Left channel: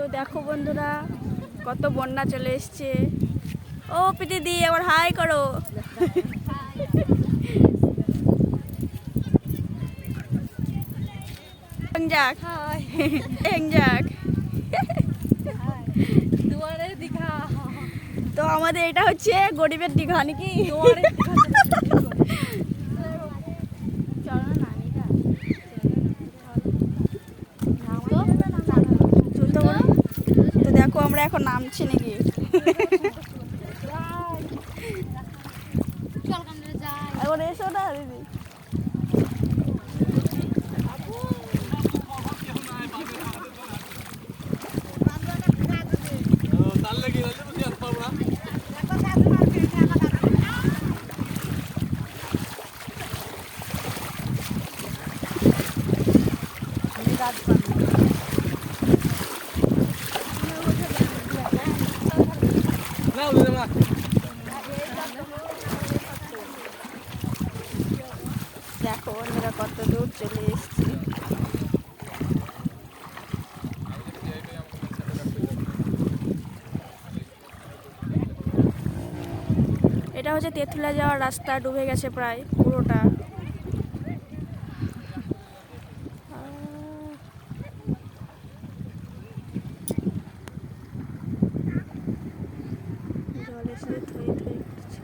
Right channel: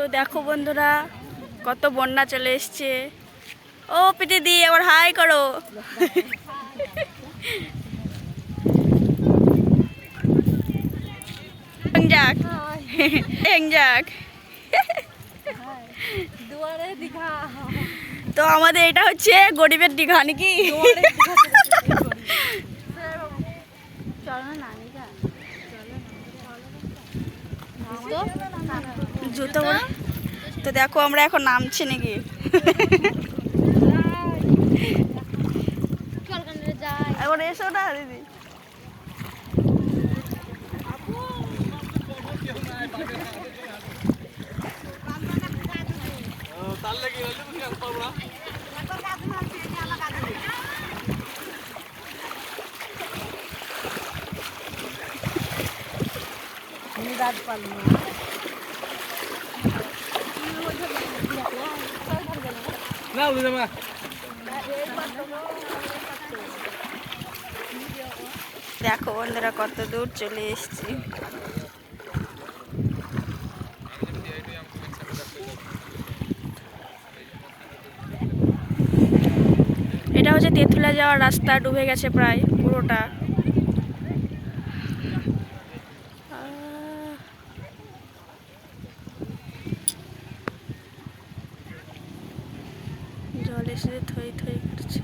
তো দেখো বন্ধুরা কত বন্যা চলে এসছে। ও পিটি দি আবার হাই করো যাক। যাক। তো আমাদের এটা হচ্ছে গরিবের দীঘা নাকি? দেখো আমরা এখন নামছি নাকি? এখন এসো না দিদি। দেখো বন্ধুরা, কত দূর চলে এসেছি। এটা হচ্ছে তেঁতুলা যাওয়ার রাস্তা, ডুবে গেছে প্রায় পুরোটা। জল এসে থই থই করছে